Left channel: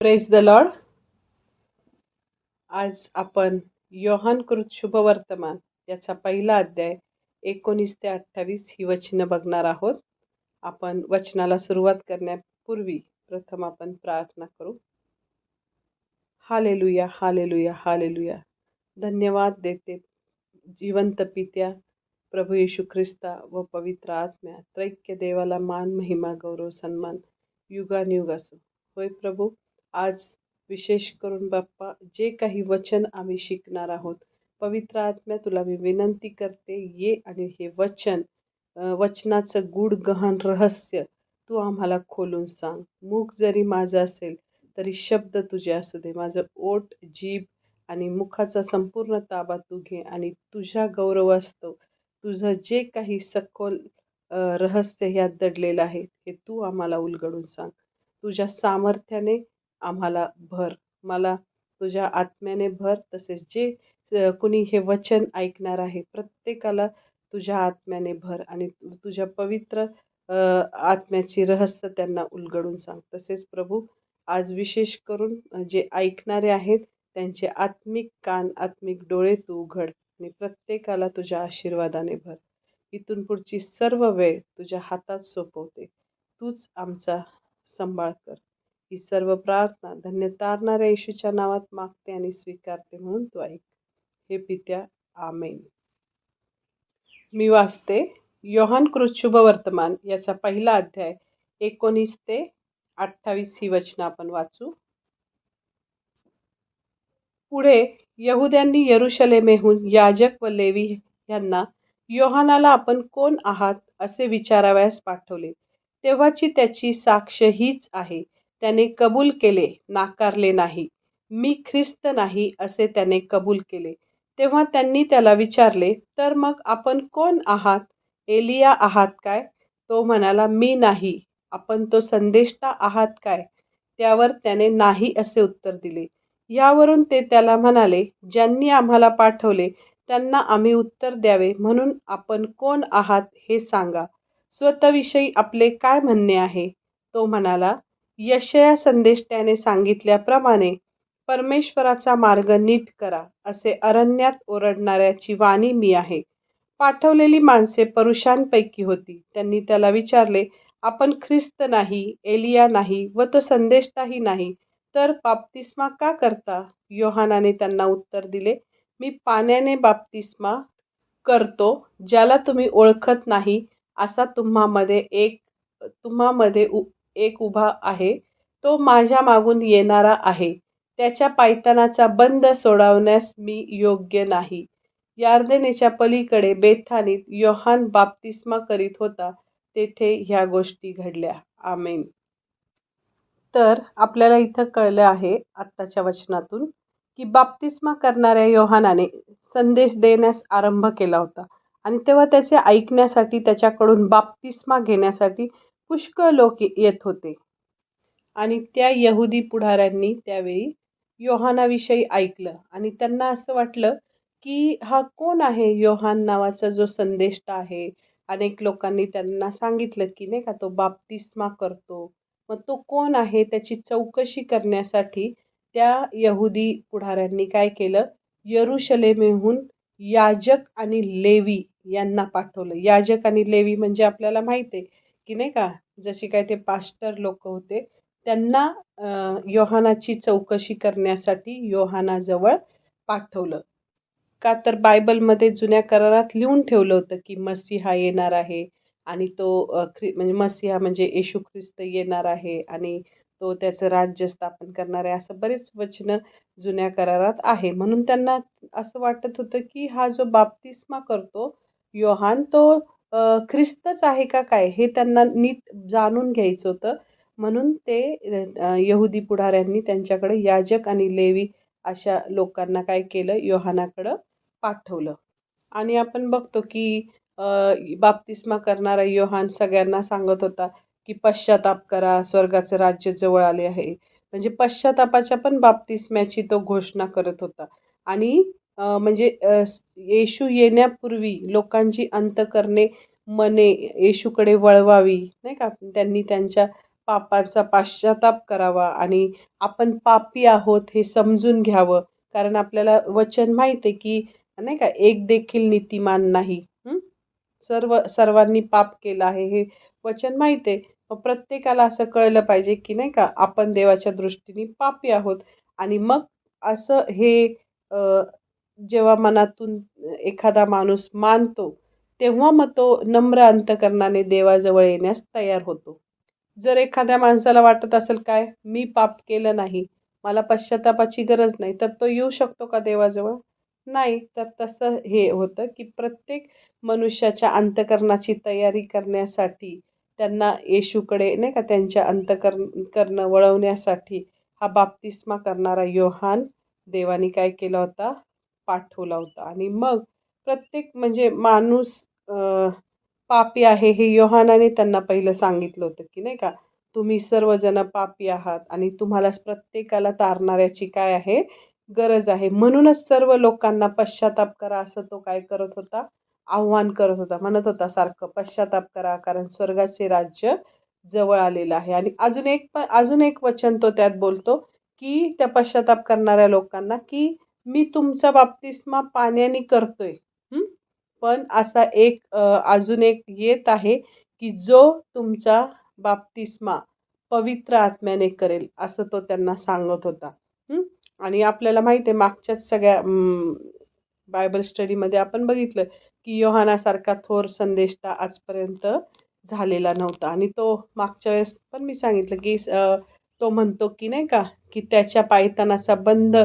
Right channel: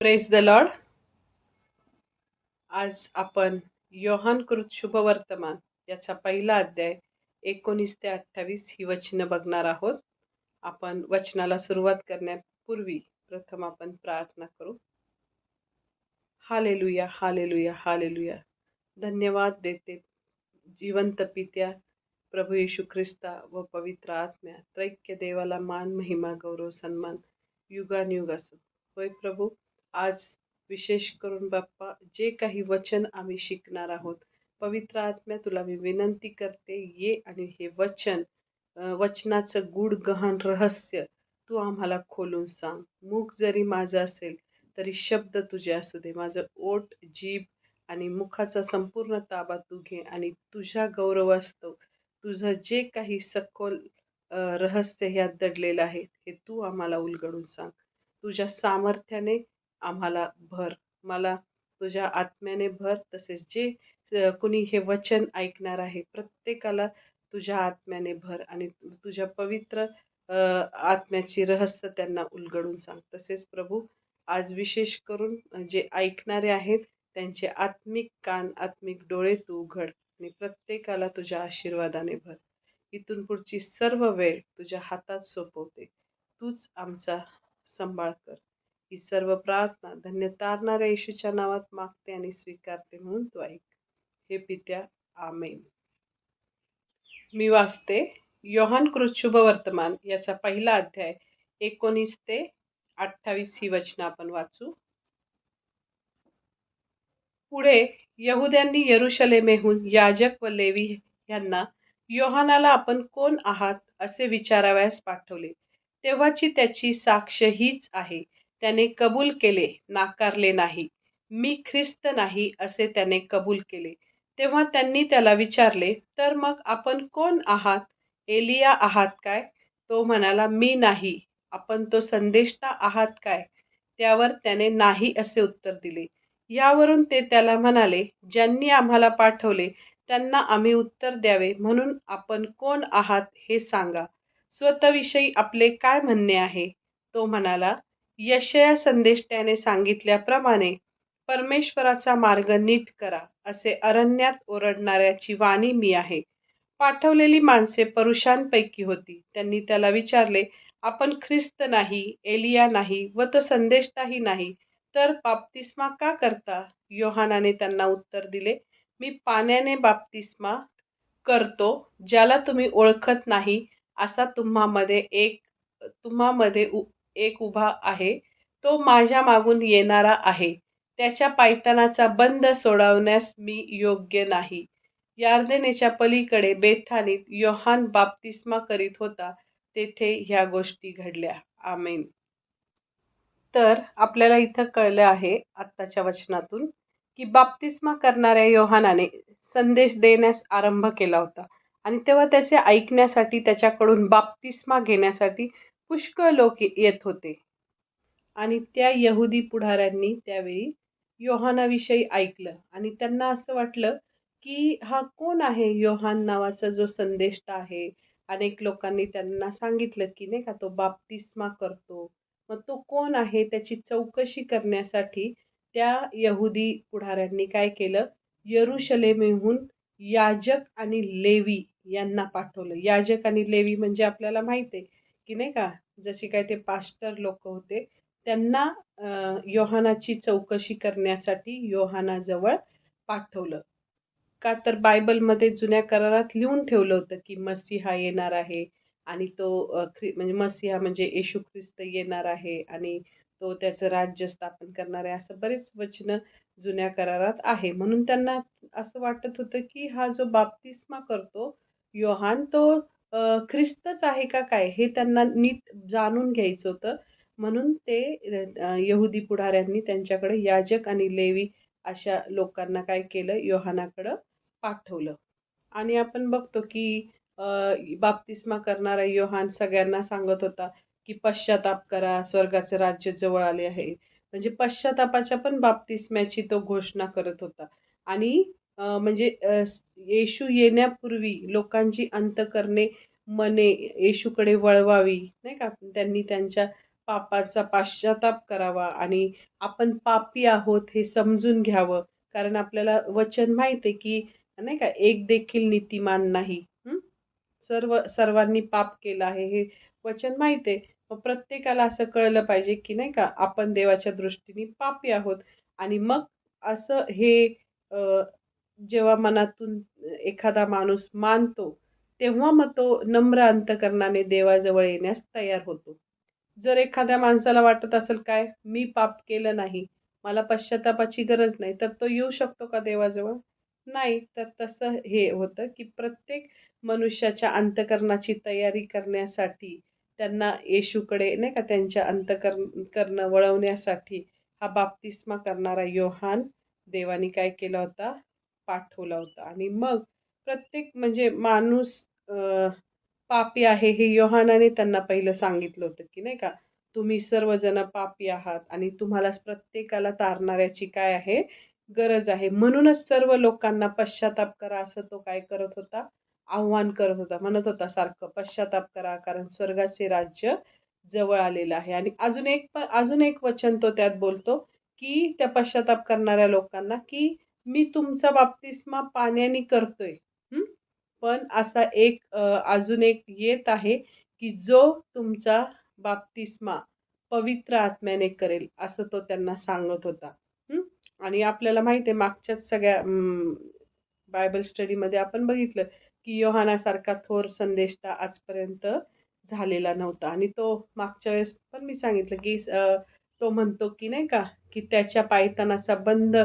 Praise the Lord. आज आपण योहानकृत शुभवर्तमान याचा पहिला अध्याय 19 ते 28 ही वचनं बघणार आहोत. आपण वचनाला सुरुवात करण्यापूर्वी प्रथम आपण प्रार्थना करू. Hallelujah, hallelujah, hallelujah. धन्यवाद देते जिवंत पित्या प्रभू येशू ख्रिस्ता व पवित्र आत्म्या त्रैक्य देवाला मान, महिमा, गौरव, सन्मान युगानुयुग असो. होय प्रभू, आज विशेष करून बाप्पा जे काही वचन आम्ही शिकणार आहोत, पवित्र आत्म्या तुला मी विनंती करते, ये आणि हे वचनाचं गूढ गहन रहस्य तू आम्हाला खोलून सांग. मुख जरी माझं असेल तरी शब्द तुझे असू दे. माझं ओठ, जीभ आणि मुखाचा संपूर्ण ताबा तू घे आणि तुझ्या गौरवास्तव तुझं जे काही सखोल रहस्य ह्यात दडलेलं आहे हे तू आम्हाला उलगडून सांग. तुझ्या सामर्थ्याने आम्हाला भर, मला तुझ्या आत्म्याने भर. तसेच जे कुणी हे वचन ऐकणार आहे प्रत्येकाला तुझ्या आत्म्याने भर आणि तुझ्या पवित्र आत्म्याची रहस्य त्यांना उलगडून सांग. तसेच प्रभू, आज विशेष करून जे ऐकणारे आहेत त्यांचे आत्मिक कान, आत्मिक डोळे तू उघड आणि प्रत्येकाला तुझ्या आशीर्वादाने भर. इथून पुढची सर्व वेळ तुझ्या हातात सोपवते. तूच आमचा सांभाळ कर. ही सर्व प्रार्थना धन्य तारणाऱ्या येशूच्या नावात मागते आणि स्वीकारते, म्हणून तू ऐक. हे पित्या, आमेन. मी वाचते योहानकृत शुभवर्तमान याचा पहिला अध्याय 19 ते 28 ही वचनं आपण वाचू. पुढे यहुद्यांनी यरुशलेमेहून याजक व लेवी यांना योहानाला आपण कोण आहात असे विचारावयास पाठवले. तेव्हाची त्याची साक्ष हीच आहे. त्याने कबूल केले, नाकारले नाही. मी ख्रिस्त नाही असे त्याने कबूल केले. तेव्हा त्यांनी त्याला विचारले, तर मग आपण कोण आहात? एलिया आहात काय? तो म्हणाला, मी नाही. आपण तो संदेष्टा आहात काय? त्यावर त्याने नाही असे उत्तर दिले. यावरून ते त्याला म्हणाले, ज्यांनी आम्हाला पाठवले त्यांना आम्ही उत्तर द्यावे, म्हणून आपण कोण आहात हे सांगा. स्वतःविषयी आपले काय म्हणणे आहे? तो म्हणाला, यशया संदेष्ट्याने सांगितल्याप्रमाणे परमेश्वराचा मार्ग नीट करा, असे अरण्यात ओरडणाऱ्याची वाणी मी आहे. पाठवलेली माणसे पुरुषांपैकी होती. त्यांनी त्याला विचारले, आपण ख्रिस्त नाही, एलिया नाही व तो संदेष्टाही नाही, तर बाप्तिस्मा का करता? योहानाने त्यांना उत्तर दिले, मी पाण्याने बाप्तिस्मा करतो. ज्याला तुम्ही ओळखत नाही असा तुम्हामध्ये एक उभा आहे. तो माझ्या मागून येणारा आहे. त्याच्या पायतानाचा बंध सोडवण्यास मी योग्य नाही. यार्देनेच्या पलीकडे बेथानीत योहान बाप्तिस्मा करीत होता. तेथे ह्या गोष्टी घडल्या. आमेन. तर आपल्याला इथं कळलं आहे आत्ताच्या वचनातून की बाप्तिस्मा करणाऱ्या योहानाने संदेश देण्यास आरंभ केला होता आणि तेव्हा त्याचे ऐकण्यासाठी, त्याच्याकडून बाप्तिस्मा घेण्यासाठी पुष्कळ लोक येत होते. आणि त्या यहुदी पुढाऱ्यांनी त्यावेळी योहानाविषयी ऐकलं आणि त्यांना असं वाटलं की हा कोण आहे योहान नावाचा जो संदेष्टा आहे. अनेक लोकांनी त्यांना सांगितलं की नाही का, तो बाप्तिस्मा करतो. मग तो कोण आहे त्याची चौकशी करण्यासाठी त्या यहुदी पुढाऱ्यांनी काय केलं, यरुशलेमेहून याजक आणि लेवी यांना पाठवलं. याजक आणि लेवी म्हणजे आपल्याला माहिती आहे की नाही का, जसे काय ते पास्टर लोक होते, त्यांना योहानाची चौकशी करण्यासाठी योहानाजवळ पाठवलं. का तर बायबलमध्ये जुन्या करारात लिहून ठेवलं होतं की मसीहा येणार आहे आणि तो म्हणजे मसीहा म्हणजे येशू ख्रिस्त येणार आहे आणि तो त्याचं राज्य स्थापन करणार आहे. असं बरेच वचनं जुन्या करारात आहे. म्हणून त्यांना असं वाटत होतं की हा जो बाप्तिस्मा करतो योहान, तो ख्रिस्तच आहे का काय, हे त्यांना नीट जाणून घ्यायचं होतं. म्हणून ते यहुदी पुढाऱ्यांनी त्यांच्याकडे याजक आणि लेवी अशा लोकांना काय केलं, योहानाकडं पाठवलं. आणि आपण बघतो की बाप्तिस्मा करणारा योहान सगळ्यांना सांगत होता की पश्चाताप करा, स्वर्गाचं राज्य जवळ आले आहे. म्हणजे पश्चातापाच्या पण बाप्तिस्म्याची तो घोषणा करत होता. आणि म्हणजे येशू येण्यापूर्वी लोकांची अंतःकरणे, मने येशूकडे वळवावी, नाही का, त्यांनी त्यांच्या पापाचा पाश्चाताप करावा आणि आपण पापी आहोत हे समजून घ्यावं. कारण आपल्याला वचन माहिती आहे, की नाही का, एक देखील नीतिमान नाही. सर्वांनी पाप केलं आहे हे वचन माहिती आहे. मग प्रत्येकाला असं कळलं पाहिजे, की नाही का, आपण देवाच्या दृष्टीने पापी आहोत. आणि मग असं हे अ, जेव्हा मनातून एखादा माणूस मानतो, तेव्हा मग तो नम्र अंतकरणाने देवाजवळ येण्यास तयार होतो. जर एखाद्या माणसाला वाटत असेल काय, मी पाप केलं नाही, मला पश्चात्तापाची गरज नाही, तर तो येऊ शकतो का देवाजवळ? नाही. तर तसं हे होतं, की प्रत्येक मनुष्याच्या अंतःकरणाची तयारी करण्यासाठी, त्यांना येशूकडे नाही का त्यांच्या करणं वळवण्यासाठी हा बाप्तिस्मा करणारा योहान देवाने काय केला होता? पाठवला होता. आणि मग प्रत्येक म्हणजे माणूस पापी आहे हे योहानाने त्यांना पहिलं सांगितलं होतं, की नाही का, तुम्ही सर्वजण पापी आहात आणि तुम्हाला प्रत्येकाला तारणाऱ्याची काय आहे? गरज आहे. म्हणूनच सर्व लोकांना पश्चाताप करा असं तो काय करत होता? आव्हान करत होता. म्हणत होता सारखं, पश्चाताप करा कारण स्वर्गाचे राज्य जवळ आलेलं आहे. आणि अजून एक वचन तो त्यात बोलतो, की त्या पश्चाताप करणाऱ्या लोकांना, की मी तुमचा बाप्तिस्मा पाण्याने करतोय. हं. पण असा अजून एक येत आहे, की जो तुमचा बाप्तिस्मा पवित्र आत्म्याने करेल, असं तो त्यांना सांगत होता. हं. आणि आपल्याला माहिती आहे मागच्याच सगळ्या बायबल स्टडीमध्ये आपण बघितलं, की योहानासारखा थोर संदेष्टा आजपर्यंत झालेला नव्हता. आणि तो मागच्या वेळेस पण मी सांगितलं, की तो म्हणतो, की नाही का, की त्याच्या पायतानाचा बंध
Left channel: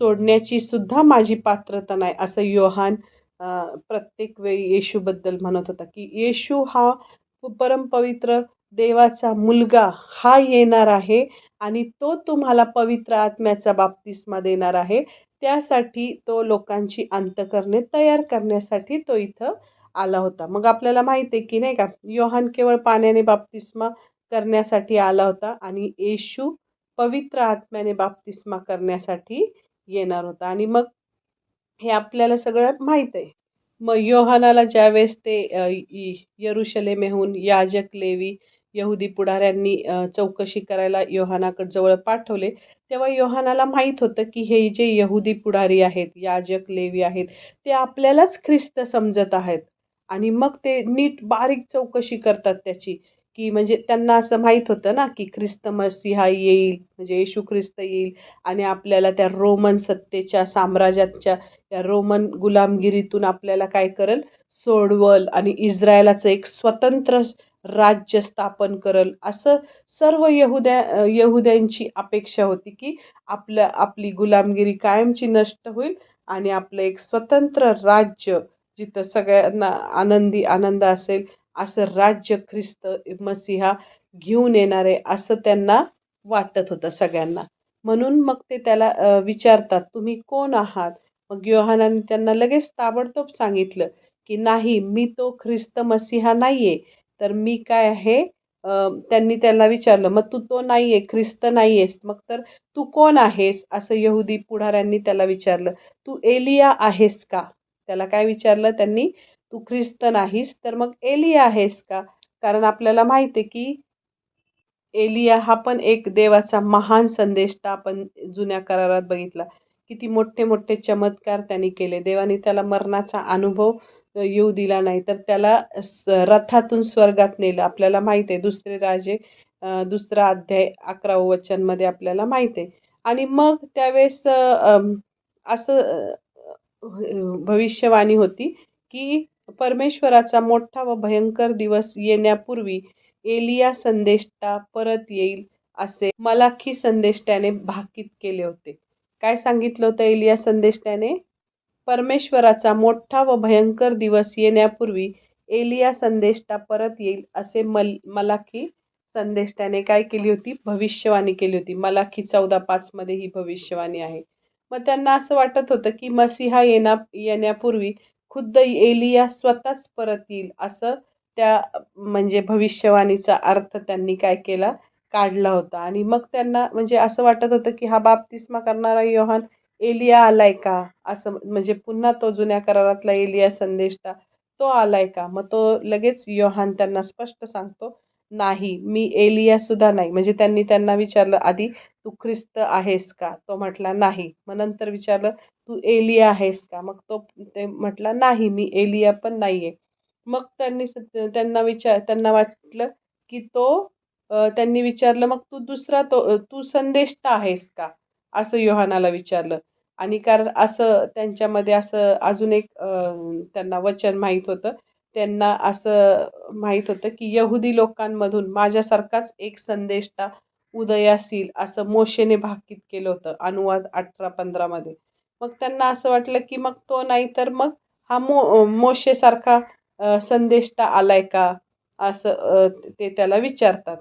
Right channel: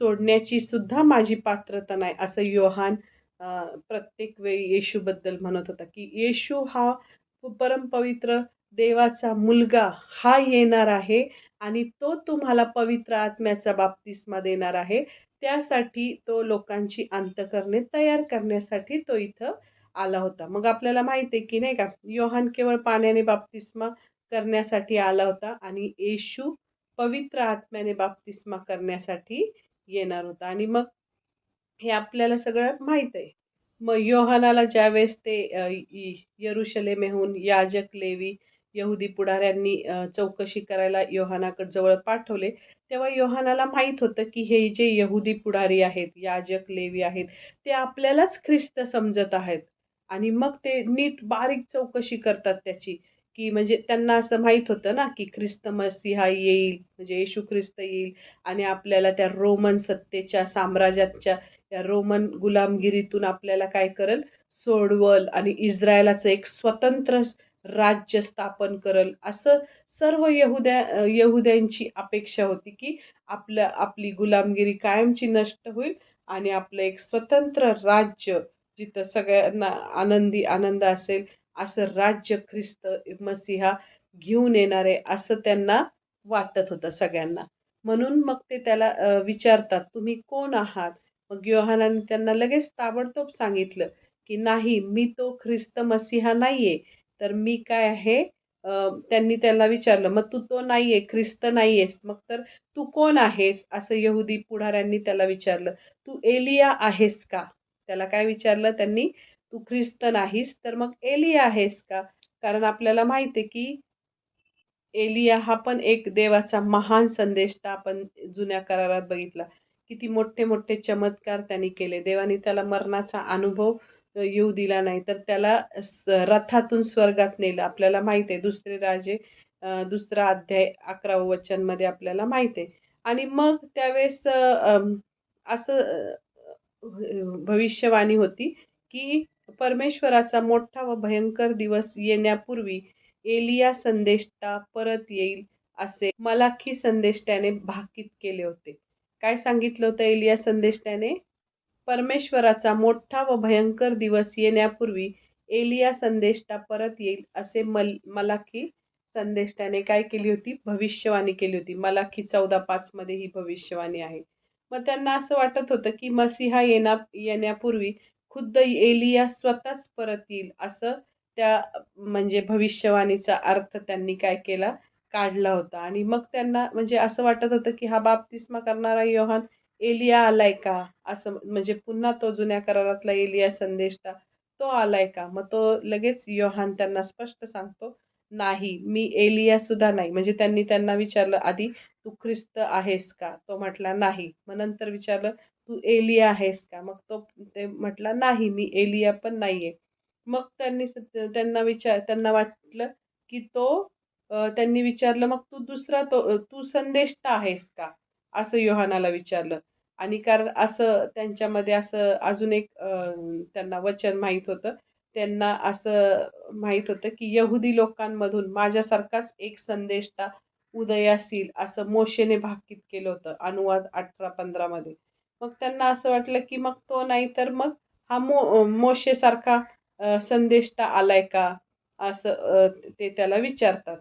सोडण्याची सुद्धा माझी पात्रता नाही, असं योहान प्रत्येक वेळी येशूबद्दल म्हणत होता, की येशू हा परमपवित्र देवाचा मुलगा हा येणार आहे आणि तो तुम्हाला पवित्र आत्म्याचा बाप्तिस्मा देणार आहे. त्यासाठी तो लोकांची अंतःकरणे तयार करण्यासाठी तो इथं आला होता. मग आपल्याला माहिती आहे, की नाही का, योहान केवळ पाण्याने बाप्तिस्मा करण्यासाठी आला होता आणि येशू पवित्र आत्म्याने बाप्तिस्मा करण्यासाठी येणार होता. आणि मग हे आपल्याला सगळं माहीत आहे. मग योहानाला ज्यावेळेस ते यरुशलेमेहून याजक, लेवी, यहुदी पुढाऱ्यांनी चौकशी करायला योहानाकडे जवळ पाठवले, तेव्हा योहानाला माहीत होतं, की हे जे यहुदी पुढारी आहेत, याजक, लेवी आहेत, ते आपल्यालाच ख्रिस्त समजत आहेत. आणि मग ते नीट बारीक चौकशी करतात त्याची, की म्हणजे त्यांना असं माहीत होतं ना, की ख्रिस्त मसीहा येईल, म्हणजे येशू ख्रिस्त येईल आणि आपल्याला त्या रोमन सत्तेच्या साम्राज्याच्या त्या रोमन गुलामगिरीतून आपल्याला काय करेल? सोडवल आणि इस्रायलाचं एक स्वतंत्र राज्य स्थापन करल. असं सर्व यहुद्यांची अपेक्षा होती, की आपली गुलामगिरी कायमची नष्ट होईल आणि आपलं एक स्वतंत्र राज्य, जिथं सगळ्यांना आनंद असेल, असं राज्य ख्रिस्त मसीहा घेऊन येणार आहे, असं त्यांना वाटत होतं सगळ्यांना. म्हणून मग ते त्याला विचारतात, "तुम्ही कोण आहात?" मग योहानाने त्यांना लगेच ताबडतोब सांगितलं, की "नाही, मी तो ख्रिस्त मसीहा नाहीये, तर मी काय आहे?" त्यांनी त्याला विचारलं, "मग तू तो नाहीये, ख्रिस्त नाहीयेस, मग तर तू कोण आहेस?" असं यहुदी पुढाऱ्यांनी त्याला विचारलं. "तू एलिया आहेस का?" त्याला काय विचारलं त्यांनी? "तू ख्रिस्त नाहीस, तर मग एलिया आहेस का?" कारण आपल्याला माहिती आहे, की एलिया हा पण एक देवाचा महान संदेष्टा आपण जुन्या करारात बघितला. किती मोठे-मोठे चमत्कार त्यांनी केले. देवाने त्याला मरणाचा अनुभव येऊ दिला नाही. तर त्याला रथातून स्वर्गात नेलं. आपल्याला माहिती आहे दुसरे राजे 2रा अध्याय 11वं वचनमध्ये आपल्याला माहिती आहे. आणि मग त्यावेळेस असं भविष्यवाणी होती, की परमेश्वराचा मोठा व भयंकर दिवस येण्यापूर्वी एलिया संदेष्टा परत येईल, असे मलाकी संदेष्ट्याने भाकीत केले होते. काय सांगितलं होतं एलिया संदेष्ट्याने? परमेश्वराचा मोठा व भयंकर दिवस येण्यापूर्वी एलिया संदेष्टा परत येईल, असे मलाकी संदेष्ट्याने काय केली होती? भविष्यवाणी केली होती. मलाकी 14:5 मध्ये ही भविष्यवाणी आहे. मग त्यांना असं वाटत होतं, की मसीहा येण्यापूर्वी खुद्द एलिया स्वतःच परत येईल, असं त्या म्हणजे भविष्यवाणीचा अर्थ त्यांनी काय केला? काढला होता. आणि मग त्यांना म्हणजे असं वाटत होतं, की हा बाप्तिस्मा करणारा योहान एलिया आलाय का? असं म्हणजे पुन्हा तो जुन्या करारातला एलिया संदेष्टा तो आलाय का? मग तो लगेच योहान त्यांना स्पष्ट सांगतो, नाही, मी एलिया सुद्धा नाही. म्हणजे त्यांनी त्यांना विचारलं आधी, "तू ख्रिस्त आहेस का?" तो म्हटला, "नाही." मग नंतर विचारलं, "तू एलिया आहेस का?" मग ते म्हटला, "नाही, मी एलिया पण नाहीये." मग त्यांना वाटलं, की त्यांनी विचारलं, "मग तू संदेष्टा आहेस का?" असं योहानाला विचारलं. आणि कारण असं त्यांच्यामध्ये असं अजून एक त्यांना वचन माहीत होतं. त्यांना असं माहीत होतं, की यहुदी लोकांमधून माझ्यासारखाच एक संदेष्टा उदयास येईल, असं मोशेने भाकीत केलं होतं. अनुवाद 18:15 मध्ये. मग त्यांना असं वाटलं, की मग तो नाही तर मग हा मोशेसारखा संदेष्टा आलाय का? असं ते त्याला विचारतात.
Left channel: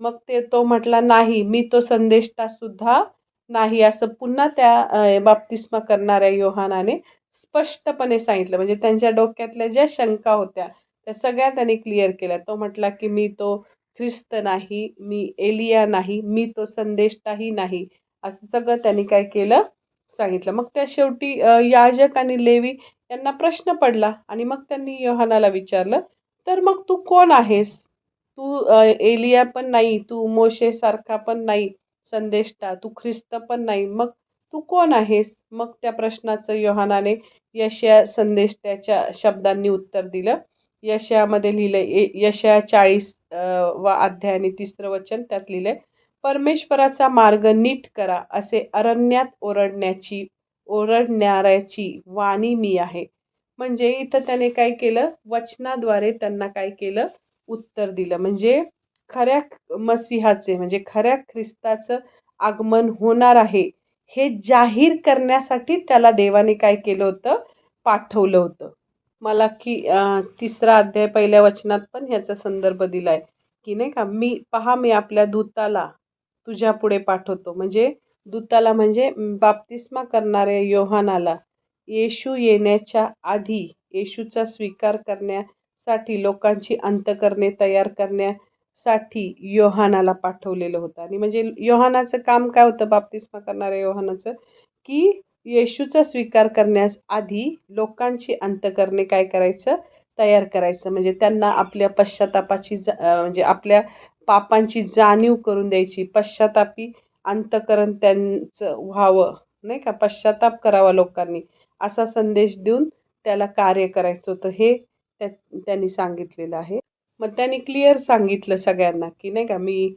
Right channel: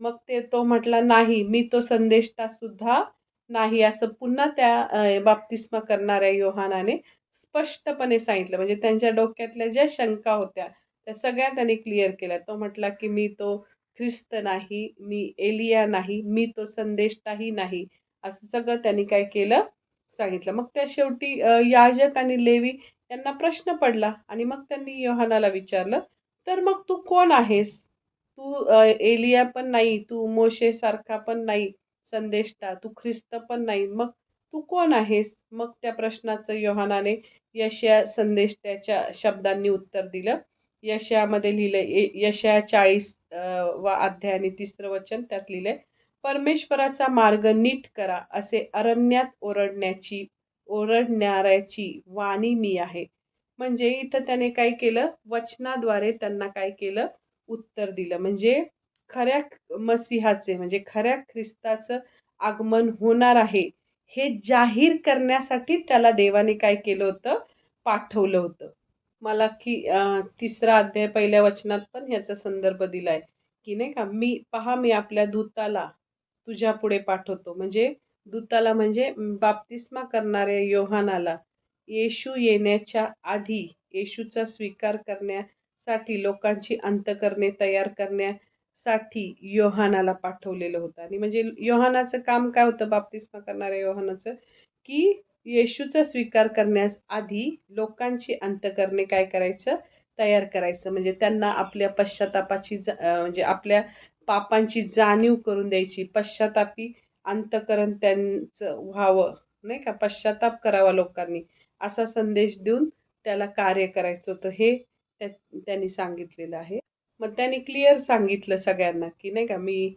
मग तो म्हटला, "नाही, मी तो संदेष्टा सुद्धा नाही." असं पुन्हा त्या बाप्तिस्मा करणाऱ्या योहानाने स्पष्टपणे सांगितलं. म्हणजे त्यांच्या डोक्यातल्या ज्या शंका होत्या, त्या सगळ्या त्यांनी क्लिअर केल्या. तो म्हटला, की "मी तो ख्रिस्त नाही, मी एलिया नाही, मी तो संदेष्टाही नाही." असं सगळं त्यांनी काय केलं, सांगितलं. मग त्या शेवटी याजक आणि लेवी यांना प्रश्न पडला आणि मग त्यांनी योहानाला विचारलं, "तर मग तू कोण आहेस? तू एलिया पण नाही, तू मोशेसारखा पण नाही संदेष्टा, तू ख्रिस्त पण नाही. मग तू कोण आहेस?" मग त्या प्रश्नाचं योहानाने यशया संदेष्टाच्या शब्दांनी उत्तर दिलं. यशयामध्ये लिहिलंय, यशया 40 वा अध्याय आणि 3रं वचन त्यात लिहिलंय, "परमेश्वराचा मार्ग नीट करा, असे अरण्यात ओरडणाऱ्याची वाणी मी आहे." म्हणजे इथं त्याने काय केलं, वचनाद्वारे त्यांना काय केलं, उत्तर दिलं. म्हणजे खऱ्या मसीहाचे म्हणजे खऱ्या ख्रिस्ताचं आगमन होणार आहे, हे जाहीर करण्यासाठी त्याला देवाने काय केलं होतं, पाठवलं होतं. मलाकी 3रा अध्याय 1ल्या वचनात पण ह्याचा संदर्भ दिलाय, की नाही का, मी आपल्या दूताला तुझ्यापुढे पाठवतो. म्हणजे दूताला म्हणजे बाप्तिस्मा करणाऱ्या योहानाला येशू येण्याच्या आधी येशूचा स्वीकार करण्यासाठी लोकांची अंतःकरणे तयार करण्यासाठी योहानाला पाठवलेलं होतं. आणि म्हणजे योहानाचं काम काय होतं, बाप्तिस्मा करणाऱ्या योहानाचं, की येशूचा स्वीकार करण्यास आधी लोकांची अंतःकरणे काय करायचं, तयार करायचं. म्हणजे त्यांना आपल्या म्हणजे आपल्या पापांची जाणीव करून द्यायची. पश्चातापी अंतःकरण त्यांचं व्हावं, नाही का, पश्चाताप करावा लोकांनी, असा संदेश देऊन त्याला कार्य करायचं होतं. हे त्यांनी सांगितलेलं आहे. मग त्यांनी क्लिअर सांगितलं सगळ्यांना, की नाही का, मी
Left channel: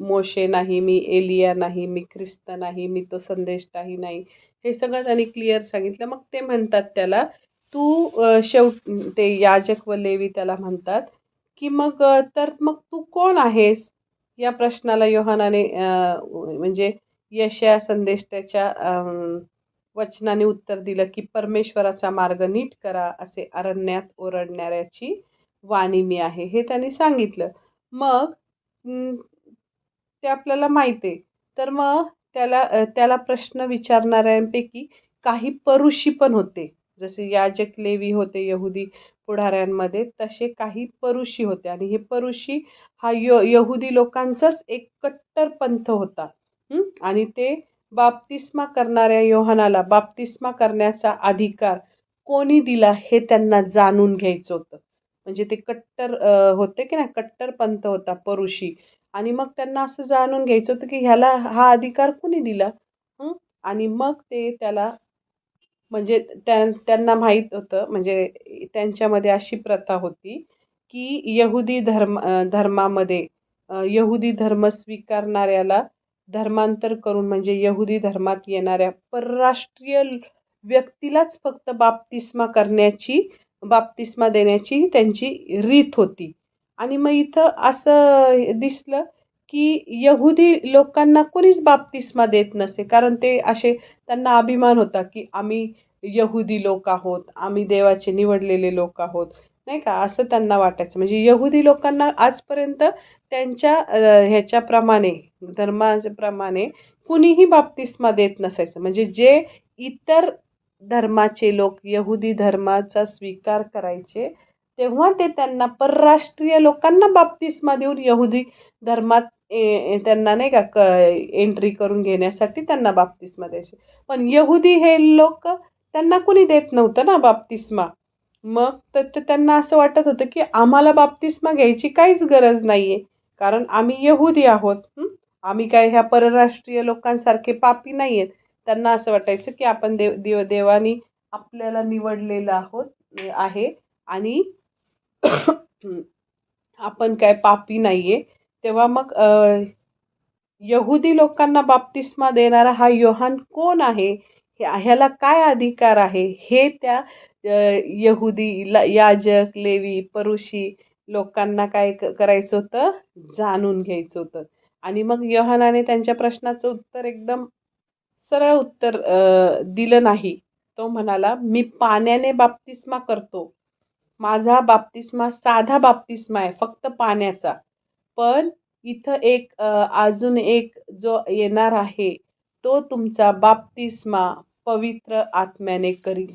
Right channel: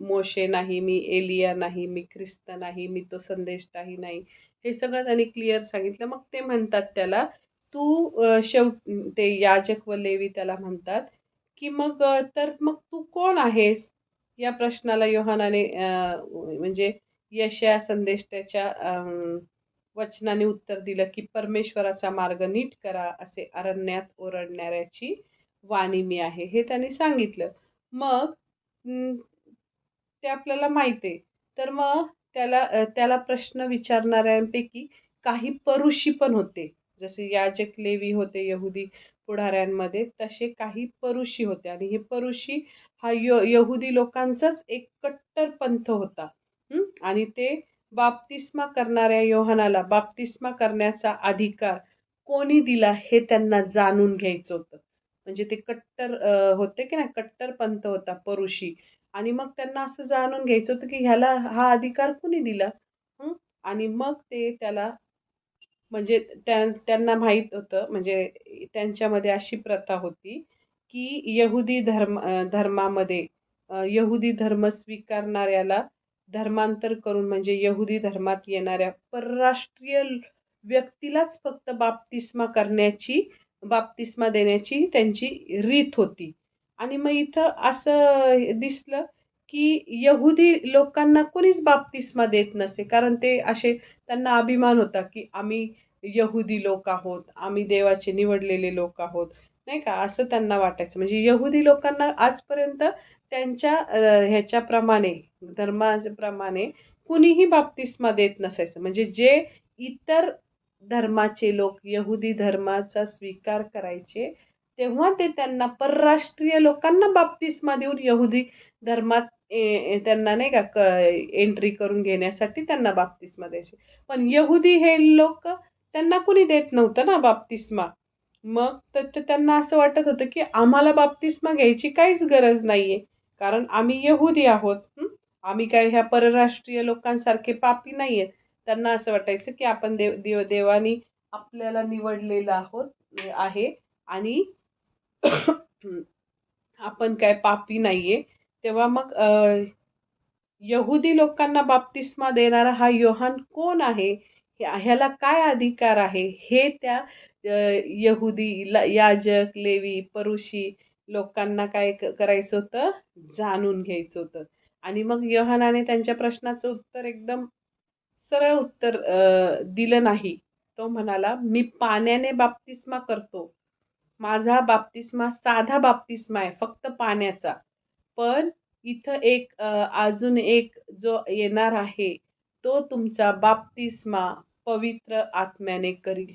मोशे नाही, मी एलिया नाही, मी ख्रिस्त नाही, मी तो संदेष्टाही नाही. हे सगळं त्यांनी क्लिअर सांगितलं. मग ते म्हणतात त्याला, तू ते याजक व लेवी त्याला म्हणतात, की तर मग तू कोण आहेस? या प्रश्नाला योहानाने म्हणजे यशया संदेष्टाच्या वचनाने उत्तर दिलं, की परमेश्वराचा मार्ग नीट करा, असे अरण्यात ओरडणाऱ्याची वाणी मी आहे. हे त्यांनी सांगितलं. मग ते आपल्याला माहित आहे. तर मग त्याला प्रश्न विचारणाऱ्यांपैकी काही परुषी पण होते. जसे याजक, लेवी होते यहुदी पुढाऱ्यांमध्ये, तसे काही परुषी होते. आणि हे परुषी हा यहुदी लोकांचाच एक कट्टर पंथ होता. आणि ते बाप्तिस्मा करणाऱ्या योहानाला बाप्तिस्मा करण्याचा अधिकार कोणी दिला, हे त्यांना जाणून घ्यायचं होतं. म्हणजे ते कट्टर होते की नाही, कट्टर पंथ होता परुषी. आणि मग त्यांना असं जाणून घ्यायचं होतं, की ह्याला हा अधिकार कुणी दिला? हं. आणि मग ते त्याला म्हणजे त्यांना माहीत होतं, म्हणजे त्यांच्यामध्ये अशी प्रथा होती, की धर्मामध्ये यहुदी धर्म स्वीकारणाऱ्याला धर्मांतर करून म्हणजे यहुदी धर्मात येणाऱ्या परराष्ट्रीय व्यक्तीलाच फक्त बाप्तिस्मा देण्याची त्यांची रीत होती. आणि मग इथं असं दिसलं, की यहुदी लोकांना कोणीच बाप्तिस्मा देत नसे. कारण ते असे, त्यांना अभिमान होता, की आम्ही यहुदी लोक आहोत, आम्ही देवाचे निवडलेले लोक आहोत, नाही का, असं त्यांना वाटायचं. म्हणजे यहुदी लोकांना आजपर्यंत त्यांच्या ह्याच्याप्रमाणे, धर्माप्रमाणे कुणीही बाप्तिस्मा देत नसायचं. म्हणजे जे इतर धर्माचे लोक यहुदी धर्माचा स्वीकार करायचे, तेव्हा ते त्यांना परराष्ट्रीय लोकांना बाप्तिस्मा देऊन यहुदी धर्मात त्यांना नाही का एंट्री करून घेण्यासाठी त्यांना बाप्तिस्मा द्यायचे. पण यहुदी हे लोक, त्यांना कुणी देत नव्हतं ना बाप्तिस्मा. मग तर ते त्यांना असं वाटत होतं, की आम्हाला बाप्तिस्मा घ्यायची काहीच गरज नाहीये. कारण आम्ही यहुदी आहोत. आम्ही काय ह्या परराष्ट्रीय लोकांसारखे पापी नाहीयेत. त्यांना असं वाटायचं, की आपण देवानी आपल्याला निवडलेलं आहे आणि आपण काय पापी नाहीये. तेव्हा मग यहुदी लोकांना बाप्तिस्मा देणारा हा योहान कोण आहे? ह्याला काय अधिकार आहे? हे त्या यहुदी याजक, लेवी, परुषी लोकांना काय करायचं होतं? जाणून घ्यायचं होतं. आणि मग योहानाने त्यांच्या प्रश्नाचं उत्तर एकदम सरळ उत्तर दिलं नाही. तो म्हणाला, "मी पाण्याने बाप्तिस्मा करतो. माझा बाप्तिस्मा साधा बाप्तिस्मा आहे, फक्त पाण्याचा. पण इथं अजून एक जो येणार आहे, तो तुमचा बाप्तिस्मा पवित्र आत्म्याने करील."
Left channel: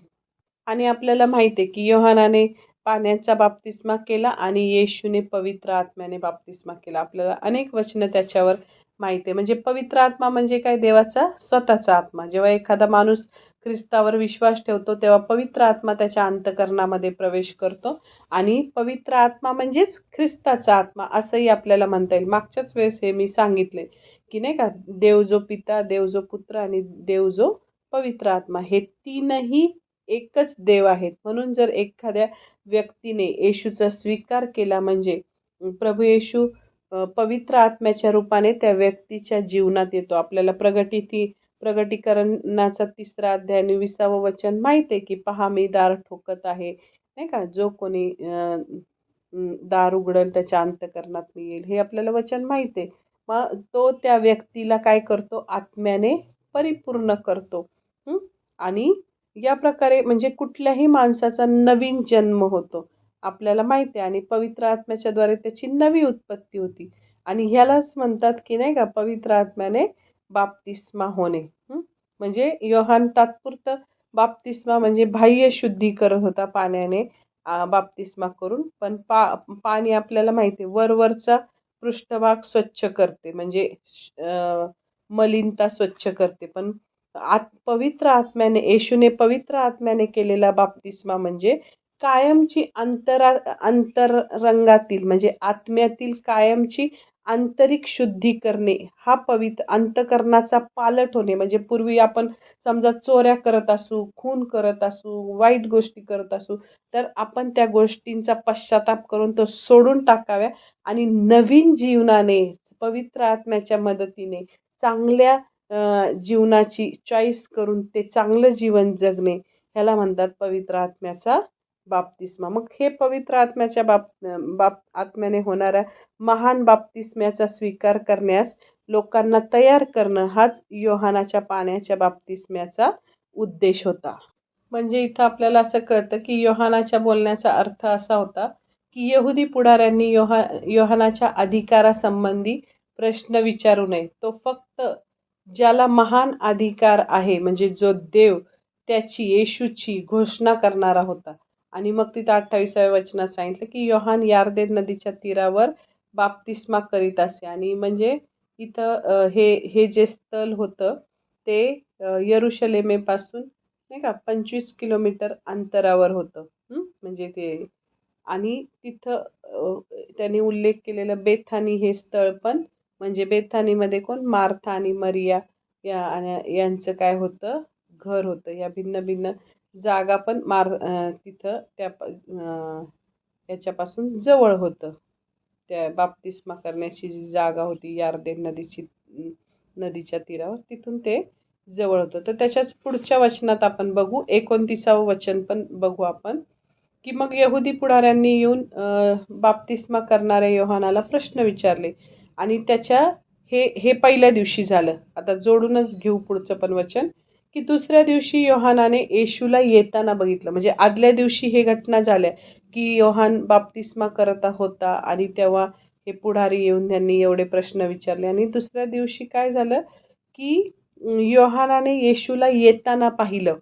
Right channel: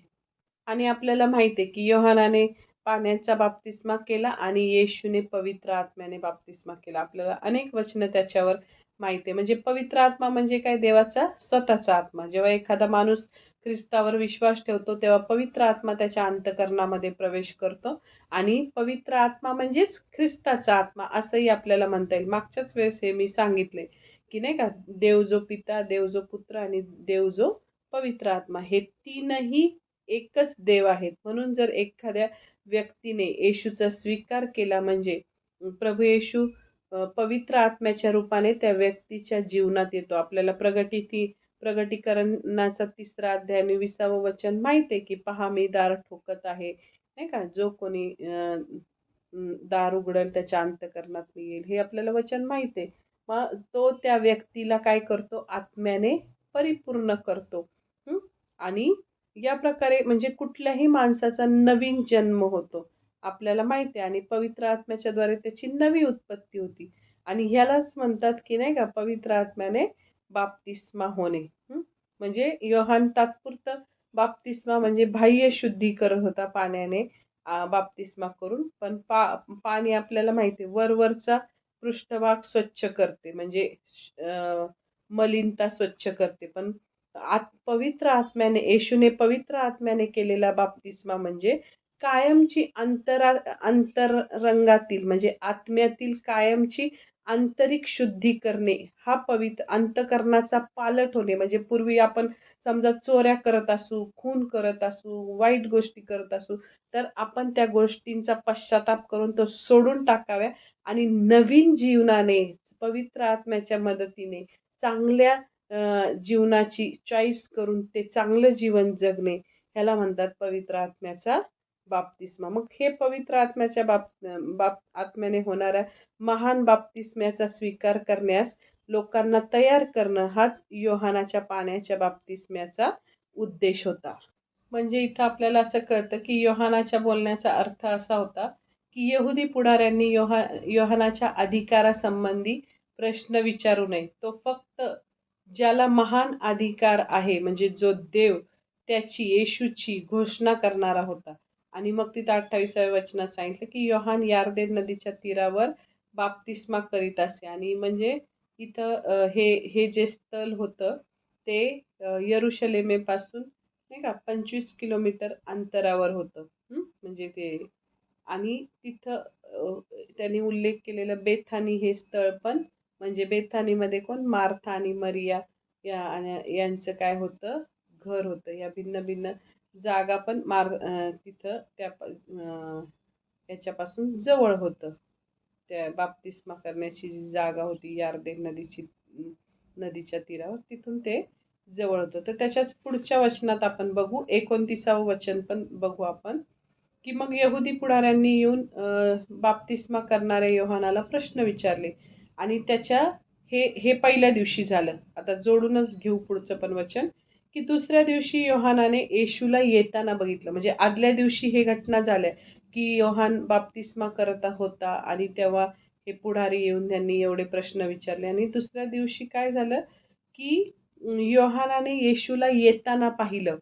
आणि आपल्याला माहिती आहे, की योहानाने पाण्याचा बाप्तिस्मा केला आणि येशूने पवित्र आत्म्याने बाप्तिस्मा केला. आपल्याला अनेक वचनं त्याच्यावर माहिती आहे. म्हणजे पवित्र आत्मा म्हणजे काय? देवाचा स्वतःचा आत्मा. जेव्हा एखादा माणूस ख्रिस्तावर विश्वास ठेवतो, तेव्हा पवित्र आत्मा त्याच्या अंतःकरणामध्ये प्रवेश करतो आणि पवित्र आत्मा म्हणजेच ख्रिस्ताचा आत्मा असंही आपल्याला म्हणता येईल. मागच्याच वेळेस हे मी सांगितले, की नाही का, देव जो पिता, देव जो पुत्र आणि देव जो पवित्र आत्मा, हे तीनही एकच देव आहेत. म्हणून जर एखाद्या व्यक्तीने येशूचा स्वीकार केला म्हणजे प्रभू येशू पवित्र आत्म्याच्या रूपाने त्या व्यक्तीच्या जीवनात येतो. आपल्याला प्रगटीकरणाचा 3रा अध्याय आणि 20वं वचन माहिती आहे, की "पहा मी दार ठोकत आहे." नाही का? जो कोणी दार उघडेल त्याच्या अंतःकरणात मी येईल. हे आपल्याला वचन माहिती आहे. मग तो त्या व्यक्तीला काय करतो? आत्म्याने परिपूर्ण करतो. आणि या प्रकारे म्हणजे कुठल्याही माणसाचा नवीन जन्म होतो. आपल्याला माहिती आहे आणि पवित्र आत्म्याच्याद्वारे त्याची नवी उत्पत्ती होती. आणि ह्यालाच म्हणतात, की नाही का, पवित्र आत्म्याने बाप्तिस्मा होणे. म्हणजे योहान तात्पुरतं बाप्तिस्मा म्हणजे बाह्य शुद्धी करत होता पाण्याने बाप्तिस्मा करून. पण पाणी आपल्याला माहिती आहे वरवरचा पृष्ठभाग स्वच्छ करते म्हणजे मलिनता स्वच्छ करते. पण पवित्र आत्म्याने येशूने पवित्र आत्म्याने केलेला बाप्तिस्मा म्हणजे कायमची अंतरंगातील म्हणजे आत्म्यातील कायमची आंतरिक शुद्धी करणे. हा पवित्र अंतःकरणाचा पालट होणे म्हणजे पूर्वी आपण समजा चोऱ्या करत असू, खून करत असू, वाईट गोष्टी करत असू, तर आपण त्या गोष्टींचा पश्चाताप करून तो सोडून टाकाव्या आणि नवीन जीवनाने पवित्र आत्म्याच्या मदतीने चांगल्या जीवनाची चॉईस करून ते चांगलं जीवन जगणे, ह्याला म्हणतात पवित्र आत्म्याचा बाप्तिस्मा. मग हे पवित्र आत्म्याच्या आत्म्याने होणाऱ्या महान बाप्तिस्म्याचा स्वीकार करण्यास लोकांना तयार करणं हाच योहानाच्या पाण्याच्या बाप्तिस्म्याचा उद्देश होता. म्हणजे इथं आपल्याला असं कळतं, की योहानाच्या बोलण्याचा अर्थ असा होता, की यहुदी पुढाऱ्यांनी योहानाच्या अधिकारासंबंधी प्रश्न विचारू नये. तो फक्त ज्याला महान अधिकार आहे म्हणजे जो देव, त्याची, येशूची घोषणा करणारा होता. आणि मग तिथं 28व्या वचनात सांगितलं, की योहान यार्देन नदीच्या तीरावर बाप्तिस्मा करीत असे. आणि म्हणजे इथं हे जे स्थळ होतं ते यरुशलेमेपासून नाही का 25 किलोमीटर अंतरावर होतं. म्हणजे ते आणि तिथं त्यांनी उल्लेख केलेलं बेथानी हे स्थळ पण म्हणजे बेथानीमध्ये कोण? मार्था आणि मरिया यांचं काय होतं? घर होतं. या भिन्न-भिन्न जागा पण तिथं त्या याच्यापासून जवळ होतं. त्या बाप्तिस्मा करण्याची जी जागा होती यारदेन नदीच्या तीरावर, तिथून ते जवळ होतं. तर त्याच्याच पुढच्या वचनात आपण बघू 29वं वचन पण बघू आपण, की मग यहुदी पुढाऱ्यांनी येऊन बाप्तिस्मा करणाऱ्या योहानाला प्रश्न विचारले आणि हे पहिल्या दिवशी झालं. आता जोडूनच घेऊ पुढचं पण वचन, की दुसऱ्या दिवशी योहानाने येशूला येताना बघितलं. म्हणजे आदल्या दिवशी हे घटना झाल्या, की योहान बाप्तिस्मा करत होता आणि तेव्हा हे पुढारी येऊन त्यांनी एवढे प्रश्न विचारले आणि दुसऱ्या दिवशी काय झालं, की योहानाने येशूला येताना पाहिलं.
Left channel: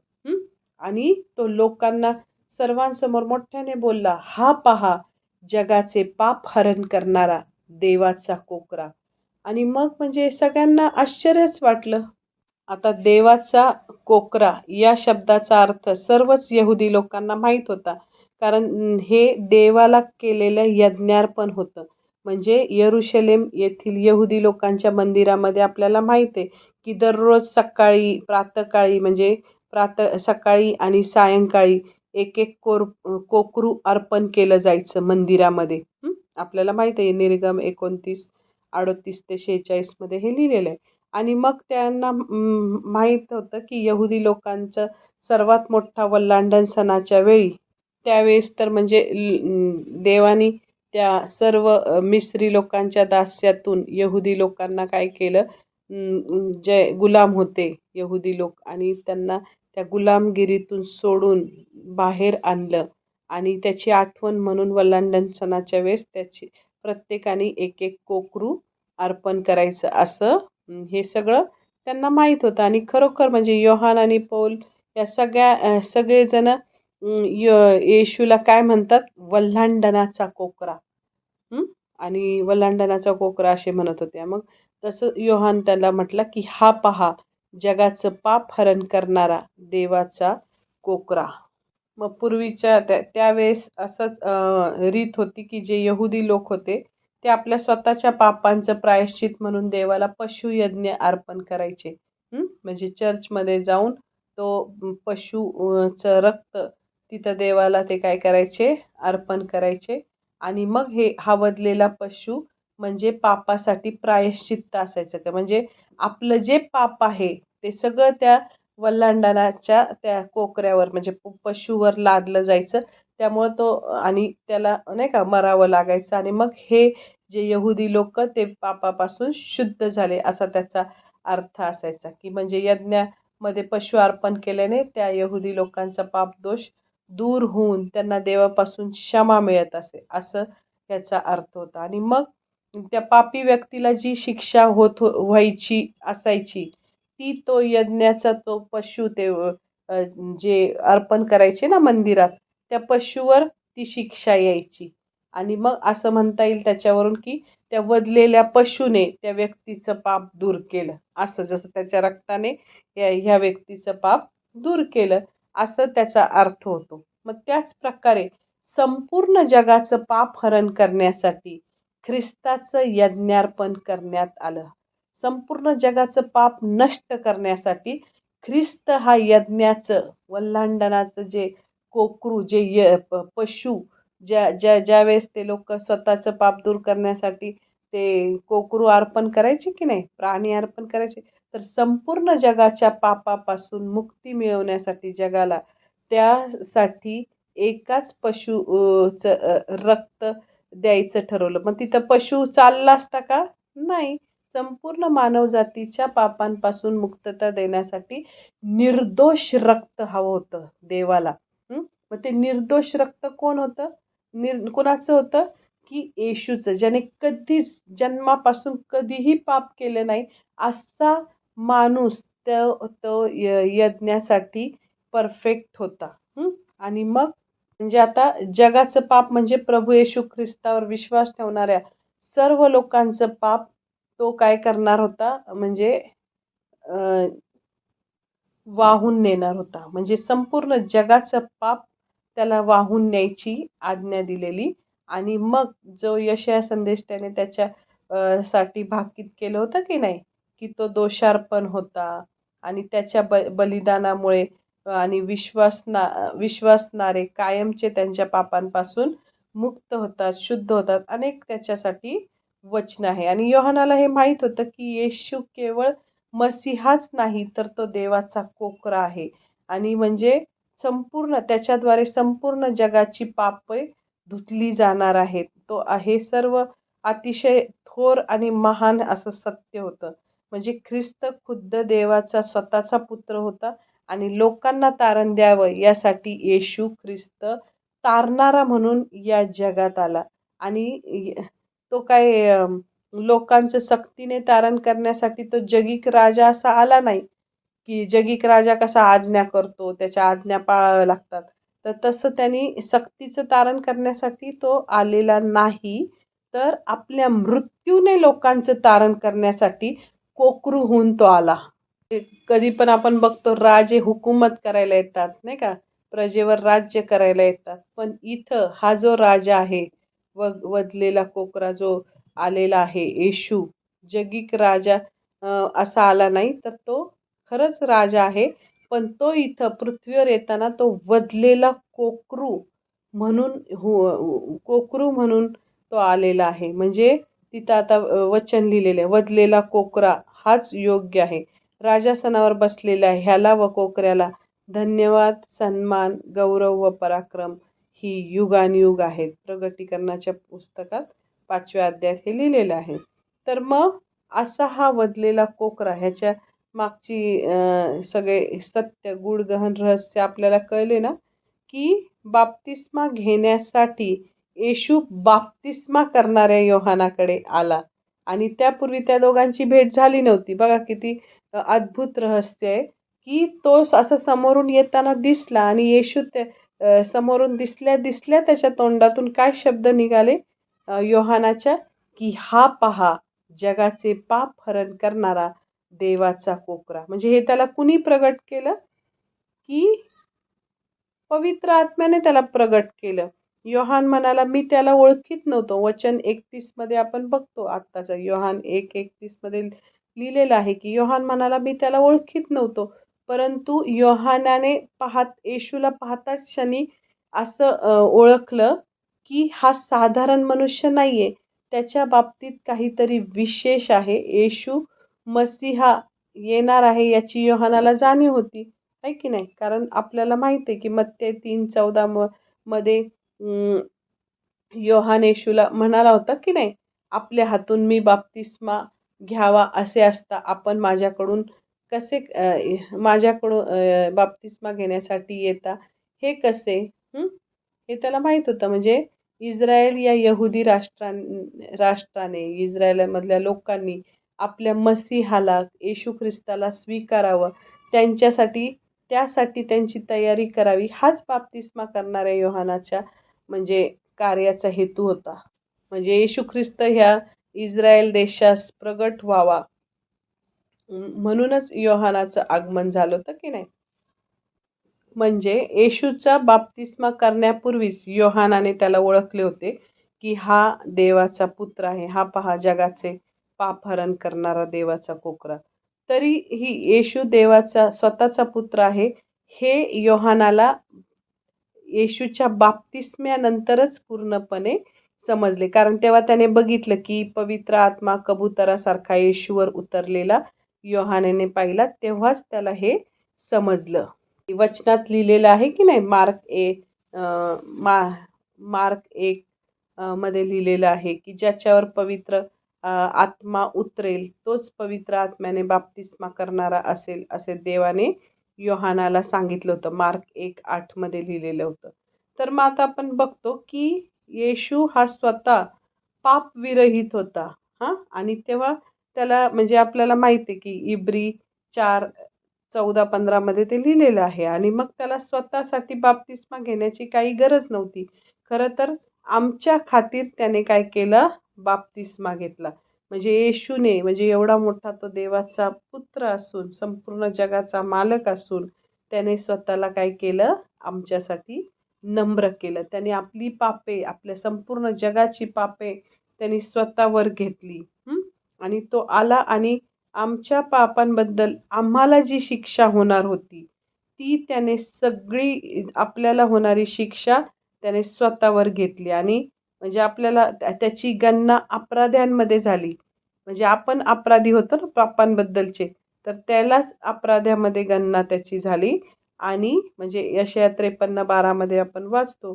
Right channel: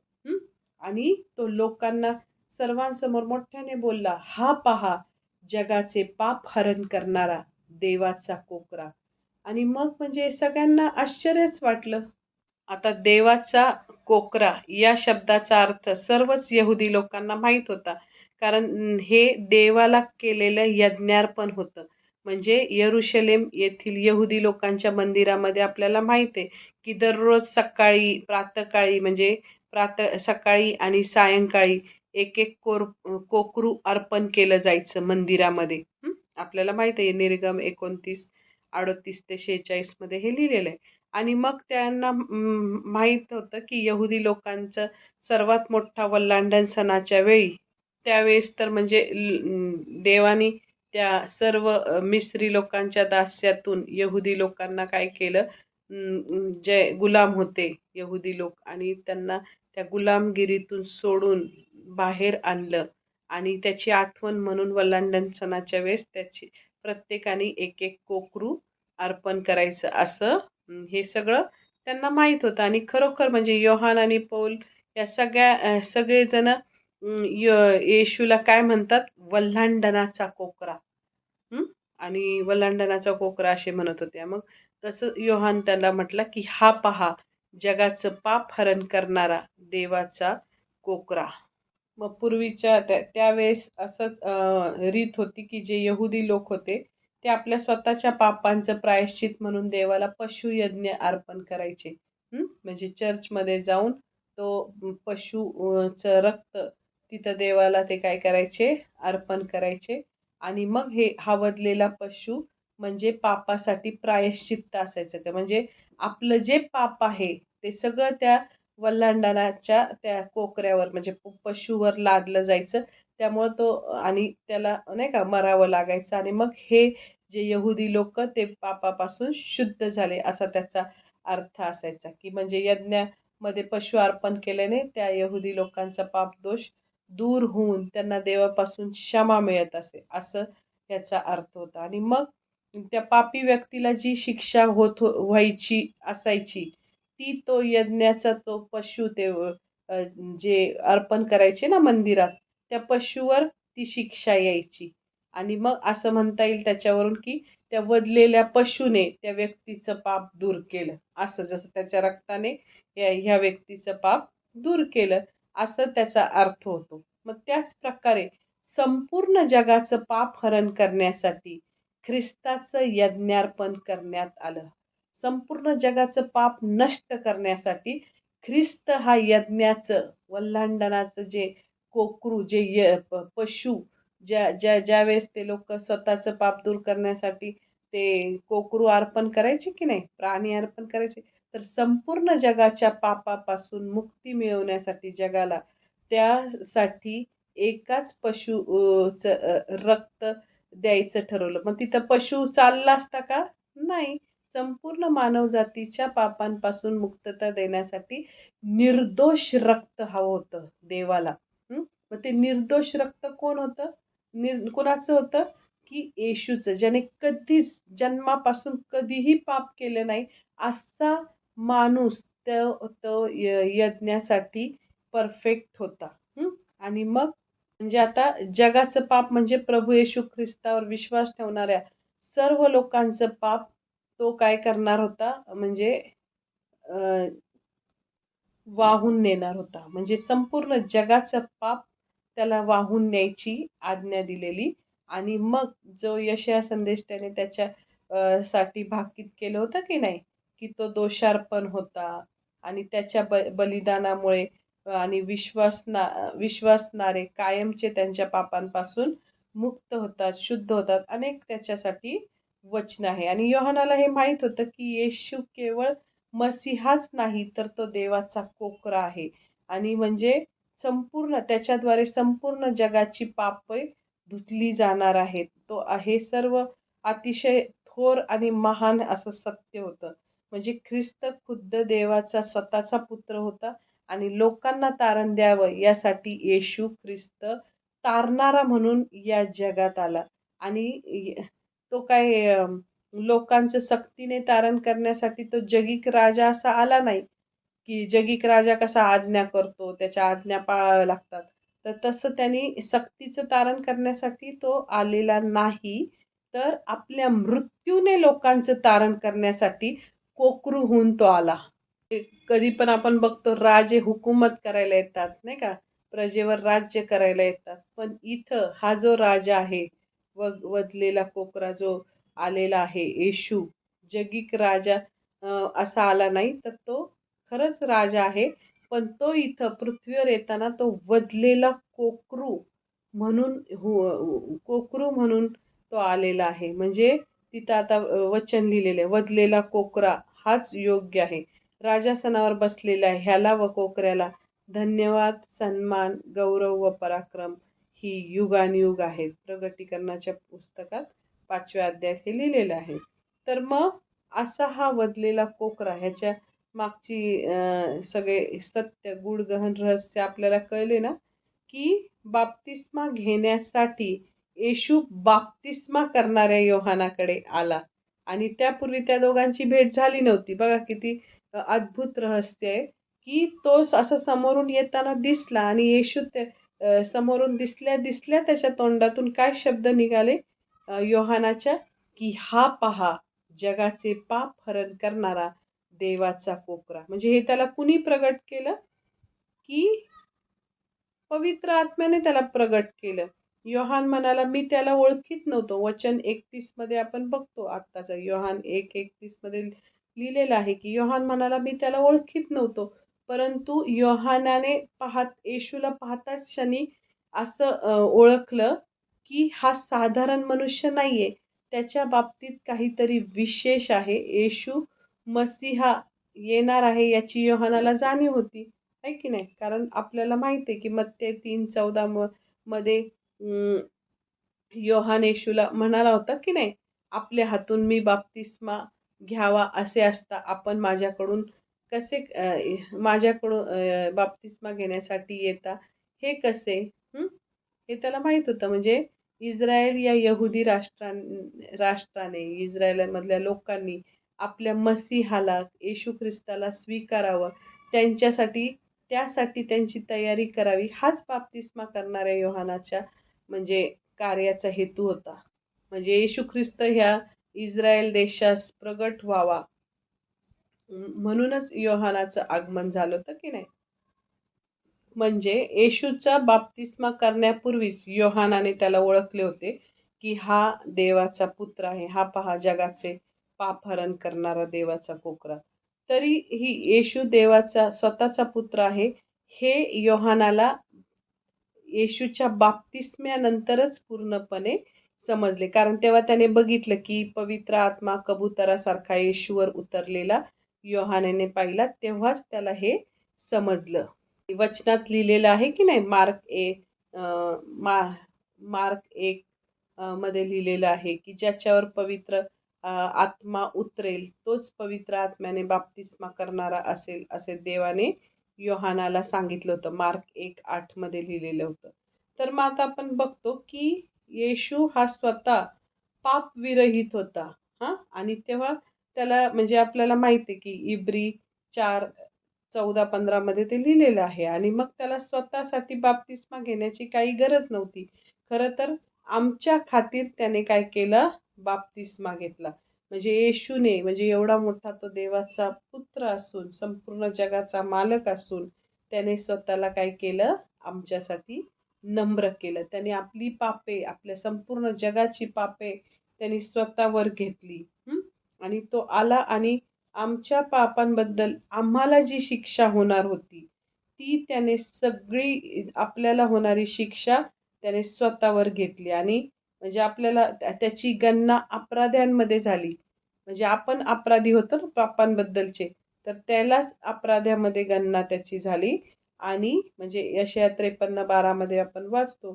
आणि तो लोकांना सर्वांसमोर मोठ्याने बोलला, "हा पहा, जगाचे पाप हरण करणारा देवाचा कोकरा." आणि मग म्हणजे सगळ्यांना आश्चर्यच वाटलं. आता देवाचा कोकरा या शब्दाचा अर्थ सर्वच यहुदी लोकांना माहीत होता, कारण हे देवाला केलेलं यज्ञार्पण होतं. म्हणजे यरुशलेम येथील यहुदी लोकांच्या मंदिरामध्ये आपल्याला माहीत आहे, की दररोज सकाळी, प्रातःकाळी म्हणजे सकाळी आणि सायंकाळी एक कोकरू अर्पण केलं जायचं मंदिरामध्ये. आपल्याला माहीत आहे निर्गम 29:38 ते 46 मध्ये हे लिहिलेलं आहे. आणि मग त्यांना माहीत होतं, की यहुदी लोकांचं सर्वात मोठा वल्हांडण सणाच्या वेळी त्यावेळेस तर म्हणजे देवानी त्या सर्व मिस्री लोकांच्या दास्यातून यहुदी लोकांना काय केलं, जे गुलाम होते यहुदी लोक आणि त्यांना त्या गुलामगिरीतून सोडून बाहेर आणलं आणि त्याची आठवण म्हणून वल्हांडण सणाच्या वेळेस त्याची प्रत्येकाने एक कोकरू अर्पण करायचं असं हे सगळं त्यांना माहीत होतं. आणि खरोखर म्हणजे योहान आणि पौल या सगळेजण येशूला काय म्हणतात, वल्हांडणाचा कोकरा. आणि वल्हांडणाचा कोकरा असे म्हणत होत्या. मग तसं योहान त्याला म्हटलं, की हा पहा जगाचं पाप हरण करणारा देवाचा कोकरा. मग पूर्वीच्या त्यावेळेस असंच रीत होती, की जे यहुदी लोक होते ते आपल्या स्वतःच्या पापांचं प्रायश्चित म्हणून देवाला पशुयज्ञ अर्पण करायचे. म्हणजे चर्चमध्ये जाऊन तो चं रक्त तिथं देवाला ते काय करायचे, अर्पण करायचे. आणि मग हा वधलेला पशु म्हणजे पापासाठी प्रायश्चित्त असायचं. का म्हणजे आपलं जे पाप आहे ते सगळं त्या वल्हांडणाच्या त्या कोकऱ्यावर म्हणजे पशुवर लादलं जायचं. त्यामुळं तो आणि त्याला नाही का मरावं लागायचं आणि मग हे जे यहुदी लोक ते पापापासून शुद्ध झाले असा त्याचा अर्थ असायचा, की म्हणजे यज्ञामध्ये पशु अर्पण केल्याने त्या यहुदी लोकांचा पापदोष दूर होऊन त्यांना देवापासून क्षमा मिळत असे असं त्याचा अर्थ होता. आणि मग त्या पापी व्यक्तीला जी शिक्षा व्हायची असायची ती तो यज्ञाचा तो पशु ते जे अर्पण करायचे ना मंदिरात त्या पशुवर ती शिक्षा यायची. आणि मग असं म्हणता येईल त्याच्यावरून, की त्या वधलेल्या पशुने त्या व्यक्तीचं पाप दूर केलं. असं जसं त्याच्या रक्ताने ह्या व्यक्तीचं पाप दूर केलं असं त्याचा अर्थ होतो. मग त्याच प्रकारे संपूर्ण जगाचं पाप हरण करण्यासाठी ख्रिस्ताचं यज्ञार्पण करण्यात आलं. संपूर्ण जगाचं पाप नष्ट करण्यासाठी ख्रिस्त हा यज्ञाचं वल्हांडणाचं जे कोकरू जे पशु ज्या वेळेस ते लोक स्वतःचं पाप दूर करण्यासाठी ते कोकरू अर्पण करायचे की नाही, प्राणी अर्पण करायचे, तर संपूर्ण जगाच्या पापापासून मुक्ती मिळवण्यासाठी जगाला त्यासाठी एकाच रक्त द्यायचं ठरवलं. मग तिथं पशु चालला असता का? नाही. संपूर्ण मानवजातीच्या पापांपासून मुक्तता देण्यासाठी निर्दोष रक्त हवं होतं देवाला. मग ते निर्दोष रक्त कोण होतं? कोणाचं होतं? की येशूचं, ज्याने कधीच जन्मापासून कधीही पाप केले नाही असा माणूस तो यज्ञासाठी परफेक्ट होता. आणि मग म्हणजे आता जगाचं पाप म्हणजे प्रभू येशू ख्रिस्तावर विश्वास ठेवणाऱ्या सर्व लोकांचं पाप तो काय करणार होता, म्हणजे वाहून नेणार होता. म्हणजे संपूर्ण जगाचं पाप त्याला वाहून न्यायची आज्ञा दिलेली. आणि मग जो यशया संदेश त्याने त्याच्या साठी भाकीत केलं होतं की नाही, की तो दोषार्पण होता आणि त्याच्या बलिदानामुळे आणि विश्वासणारे कायमचे त्यांच्या पापांपासून मुक्त होतात, शुद्ध होतात. अनेक त्याच्यासाठी वचन आहे. आणि योहानाला हे माहीत होतं, की येशू केवळ मसीहाच नाही तर तो देवाचा कोकरा आहे. आणि म्हणजे त्याच्याद्वारे संपूर्ण जगाची पापे धुतली जाणार आहेत. तो आहे सर्व अतिशय थोर आणि महान असं सत्य होतं. म्हणजे ख्रिस्त खुद्द देवाचा स्वतःचा पुत्र होता आणि लोकांना तारण द्यावं यासाठी येशू ख्रिस्त तारणारा म्हणून या जगात आला. आणि तो काय लोकांचं सक्तीने तारण करण्यासाठी तो जगिक राजा असा आला नाही, की जगिक राजा कसा आज्ञा करतो, त्याच्या आज्ञा पाळाव्या लागतात. तर तसं त्यांनी सक्तीचं तारण करण्यासाठी तो आलेला नाही, तर आपल्या मृत्यूने लोकांचं तारण करण्यासाठी कोकरू होऊन तो आला. कधी पण आपण बघतो राजे हुकूमत करायला येतात नाही का, प्रजेवर राज्य करायला येतात. पण इथं हा जो राजा आहे, वधलेला कोकरा जो आलेला आहे, येशू जगिक राजा असा आला नाही, तर तो खरंच राजा आहे. पण तो इथं पृथ्वीवर येताना तो वधलेला कोकरू म्हणून कोकरू म्हणून तो आलेला आहे. म्हणजे तिथं आता वचन लिहिलेलं आहे, वधलेला कोकरा हाच योग्य आहे. राजासनावर बसलेल्या ह्याला व कोकऱ्याला धन्यवाद, सन्मान, गौरव व पराक्रम ही युगानयुग आहेत. प्रगटीकरणाच्या पुस्तकात 5व्या अध्यायात हे लिहिलेलं आहे. तर मग असा हा वधलेला कोकरा, ह्याच्या मागची सगळे सत्य, गूढ गहन रहस्य आपल्याला कळले ना, की बाप्तिस्मा घेण्यासाठी येशू बाप्तिस्मा करणाऱ्या योहानाकडे आला आणि त्यापूर्वी त्या दोघांची भेट झाली नव्हती. बघा किती अद्भुत रहस्य आहे, की तो असं समोरून येताना दिसला आणि येशू समोरून दिसल्या दिसल्या त्याच्या तोंडातून काय शब्द निघाले योहानाच्या, की हा पहा जगाचे पाप हरण करणारा देवाचा कोकरा. म्हणजे हे त्याला कुणी प्रगट केलं, की पवित्र आत्म्याने त्याला प्रगट केलं. योहान म्हणाला, मी त्याला ओळखीत नव्हतो. वचन 31 मध्ये आपण बघतो, आत्ताचा योहान 1:31 मध्ये लिहिलेलं आहे, की योहान म्हणाला, मी त्याला ओळखीत नव्हतो. परंतु योहानाने येशूला पाहताच क्षणी असं ओळखलं, की हा साधारण मनुष्य नाहीये. त्याच्या बाबतीत काहीतरी विशेष आहे. येशू मसीहा येणार आहे याची योहानाला जाणीव होती. आहे की नाही? कारण आपल्याला माहिती आहे, की मत्ते 3:14 मध्ये योहान येशूला म्हणाला होता, की नाही, आपल्या हातून मी बाप्तिस्मा घ्यावा असे असता आपण माझ्याकडून बाप्तिस्मा घेण्यासाठी येता, हे कसे? हे त्याला माहित होतं. म्हणजे इस्रायल या यहुदी राष्ट्राने, इस्रायलमधल्या लोकांनी आपल्या मसीहाला, येशू ख्रिस्ताला स्वीकारावं, त्यासाठी त्यांची तयारी करावी, हाच बाप्तिस्मा करणाऱ्या योहानाच्या म्हणजे कार्याचा हेतू होता. म्हणजे येशू ख्रिस्त ह्या इस्रायल देशास प्रगट व्हावा म्हणूनच योहानाचं आगमन झालं होतं, की नाही? म्हणजे येशूचा बाप्तिस्मा करण्यापूर्वीच योहानाने त्याला ओळखले होते, की हा देवाचा पुत्र आहे. हा पहा जगाचे पापहरण करणारा देवाचा कोकरा. तरीही येशू देवाचा स्वतःचा पुत्र आहे हे योहानाला येशूच्या बाप्तिस्म्यानंतरच पूर्णपणे समजले. कारण तेव्हा त्याने बघितलं, की पवित्र आत्मा कबुतरासारखा येशूवर उतरलेला योहानाने पाहिला. तेव्हाच त्याला हे समजलं. वचनात लिहिलेलं आहे, की नाही, मार्क 1 मध्ये लिहिलेलं आहे, की ज्याच्यावर पवित्र आत्मा उतरेल तोच पवित्र आत्म्याने बाप्तिस्मा करणारा असेल, असे देवाने योहानाला सांगितलं होतं. मार्क 1:8 मध्ये लिहिलेलं होतं. तर मग आता आपण बघतो, की येशू हा स्वतः पापविरहित होता. आणि तेव्हा त्याला म्हणजे आपल्याला माहिती आहे, की इब्री 4:14-15 मध्ये ते लिहिलेलं आहे. आणि मग त्याला स्वतःसाठी बाप्तिस्मा घेण्याची काही गरज नव्हती. खरं तर आमच्या खातीर त्याने काय केलं? बाप्तिस्मा घेतला. म्हणजे येशूने, म्हणजे एवढा मोठा तो देवाचा पुत्र असून, संपूर्ण जगाचा मालक असून, त्याने स्वतःला काय केलं? आमच्यासाठी नम्र केलं. त्याने आपली पापे, आपल्या संपूर्ण जगाची पापे त्यांनी स्वतःवर घेतली. आणि तो आला आणि आमच्या पापांबद्दल आम्हाला जी शिक्षा होणार होती, ती त्याने सगळी आपल्याला होणारी शिक्षा त्याने स्वतःवर घेतली. आणि म्हणजे आपल्याला त्याची गणना अपराध्यांमध्ये झाली. म्हणजे आपण अपराधी होतो ना पापांबद्दलचे, तर त्यालाच अपराध्यामध्ये गणना त्याची झाली. आणि म्हणजे यशया 53:12 मध्ये आपण वाचतो.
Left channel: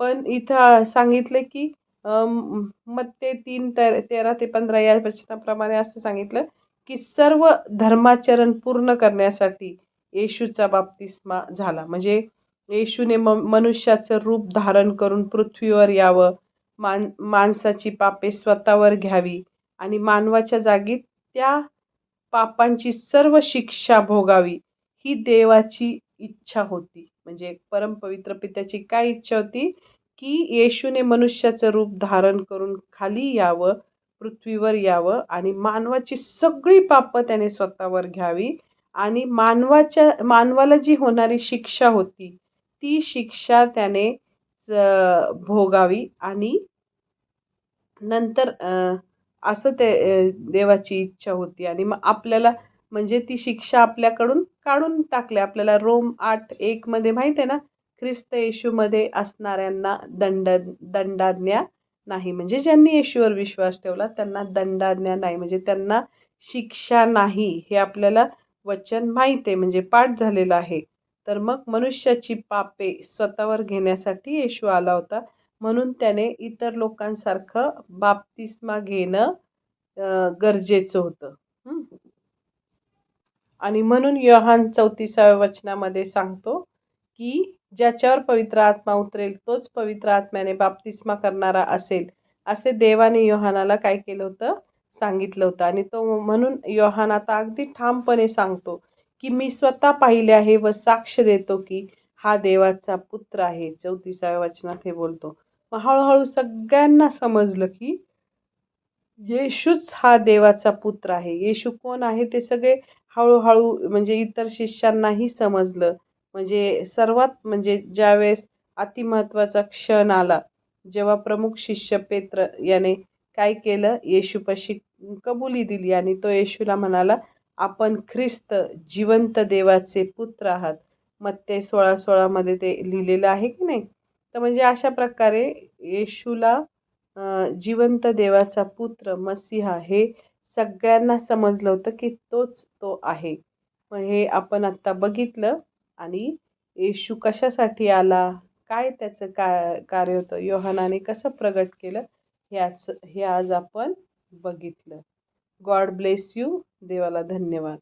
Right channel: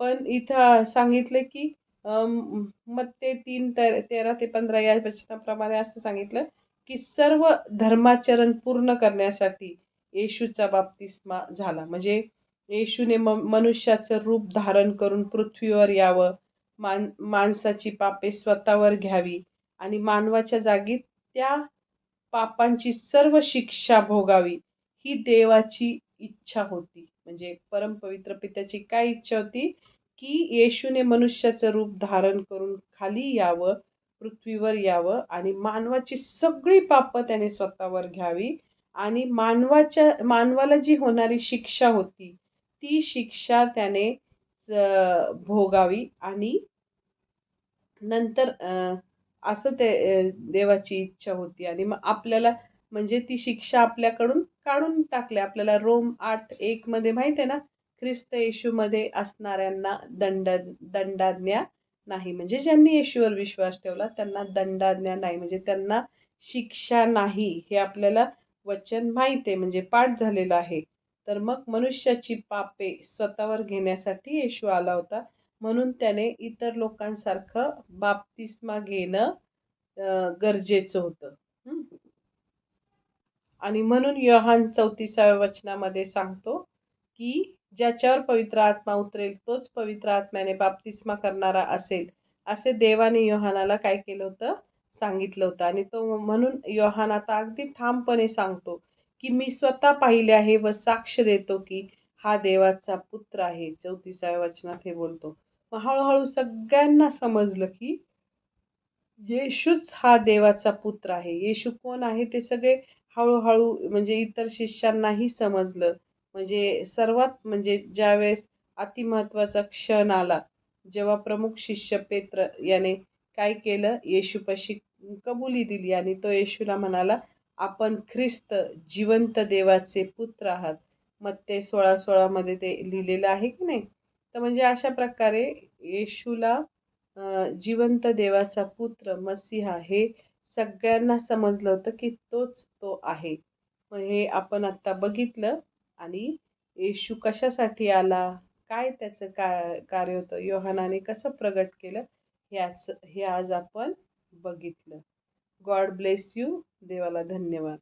पण इथं सांगितलं, की मत्ते 3:13-15 या वचनाप्रमाणे असं सांगितलं, की सर्व धर्माचरण पूर्ण करण्यासाठी येशूचा बाप्तिस्मा झाला. म्हणजे येशूने मनुष्याचं रूप धारण करून पृथ्वीवर यावं, माणसाची पापे स्वतःवर घ्यावी आणि मानवाच्या जागी त्या पापांची सर्व शिक्षा भोगावी, ही देवाची इच्छा होती. म्हणजे परमपवित्र पित्याची काय इच्छा होती, की येशूने मनुष्याचं रूप धारण करून खाली यावं, पृथ्वीवर यावं आणि मानवाची सगळी पापं त्याने स्वतःवर घ्यावी आणि मानवाला जी होणारी शिक्षा होती ती शिक्षा त्याने भोगावी आणि नंतर असं ते देवाची इच्छा होती आणि मग आपल्याला म्हणजे ती शिक्षा आपल्याकडून काढून टाकली. आपल्याला रोम 8:1 मध्ये माहिती आहे ना, ख्रिस्त येशूमध्ये असणाऱ्यांना दंडाज्ञा नाही. म्हणजे ज्यांनी येशूवर विश्वास ठेवला त्यांना दंडाज्ञा नाही. म्हणजे त्यांना शिक्षा नाही. हे आपल्याला वचन माहीत आहे, म्हणजे पाठ झालेलं आहे. तर मग मनुष्याची पापे स्वतःवर घेण्यासाठी येशू आला होता. म्हणून त्याने इतर लोकांसारखं बाप्तिस्मा घेणं गरजेचं होतं. हं. आणि म्हणून योहान 34व्या वचनामध्ये सांगतो, की ज्याच्यावर पवित्र आत्मा उतरेल तोच पवित्र आत्म्याने बाप्तिस्मा करणारा असेल, असे देवाने योहानाला काय केलं होतं? सांगितलं होतं. आणि तो म्हणून योहान आता अगदी ठामपणे सांगतो, की मी स्वतः पाहिले आहे व साक्ष देतो, की हा देवाचा पुत्र आहे. 34व्या वचनात हे बोलतो. मग हळूहळू सगळ्यांना समजलं, की येशूच हा देवाचा पुत्र आहे. येशू कोण आहे ते सगळे हळू-हळू म्हणजे इतर शिष्यांनाही समजलं. म्हणजे सर्वात म्हणजे ज्यावेळेस अतिमहत्त्वाचा क्षण आला, जेव्हा प्रमुख शिष्य पेत्र याने काय केलं, येशूपाशी कबुली दिली आणि तो येशूला म्हणाला, "आपण ख्रिस्त जिवंत देवाचे पुत्र आहात." मत्ते 16:16 मध्ये ते लिहिलेलं आहे की नाही? तर म्हणजे अशा प्रकारे येशूला जिवंत देवाचा पुत्र मसीहा हे सगळ्यांना समजलं होतं, की तोच तो आहे. मग हे आपण आत्ता बघितलं आणि येशू कशासाठी आला? काय त्याचं कार्य होतं? योहानाने कसं प्रगट केलं? हे आज आपण बघितलं. God bless you. देवाला धन्यवाद.